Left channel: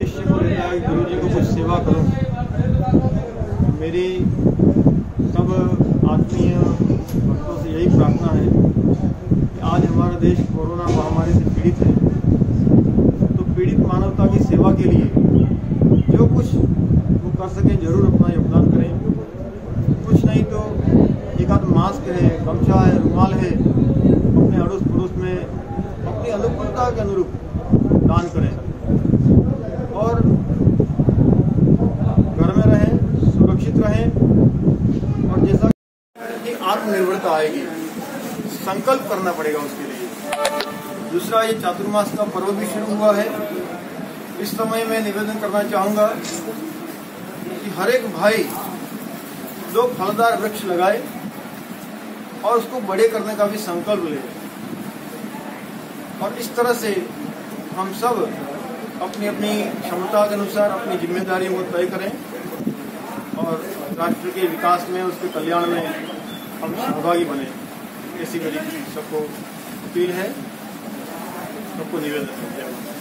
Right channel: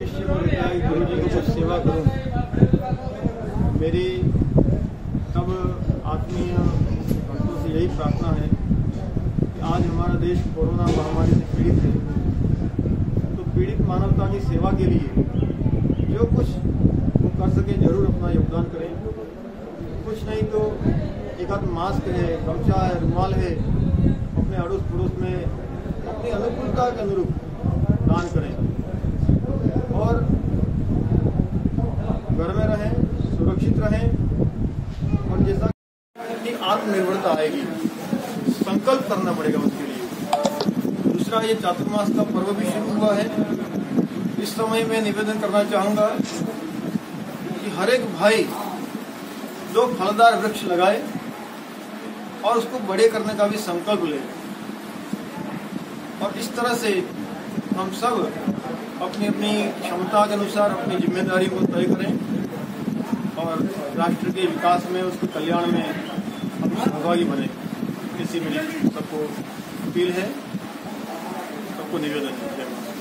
शिष्य को लेता है गुरु जी को कुछ सेवा करूं। मेरी सब आत्मीय भक्तों से यही प्रार्थना है कि आज हमारा देश कोरोना महामारी से पीड़ित है, तो पीड़ित मानवता की सेवा के लिए जो कुछ वो कर सके जरूर अपना योगदान करें। कुछ नहीं तो एक आध मास्क है, गमछा है, रुमाल है, अपने अड़ोस पड़ोस में अपनी अनुकूलता के अनुरूप दान करें और घर में रहें, सुरक्षित रहें। और जैसा कि आत्मनिर्भरता आएगी, संकल्प करना पड़ेगा उसके लिए। दूसरा, ये चातुर्मास का पर्व भी शुरू हुआ है। इस समय मैं निवेदन करना चाहूंगा कि हर एक भाई 2 फलदार वृक्ष लगाए और उसको बड़े करने का भी संकल्प ले। और इस तरह से हम सब अपनी अपनी क्षमता के अनुसार अपनी जिम्मेदारियों को तय करें और राष्ट्र के विकास में, उसके कल्याण में हम सहभागी बने। ऐसी मेरी सबको अपील है, सबको निवेदन है।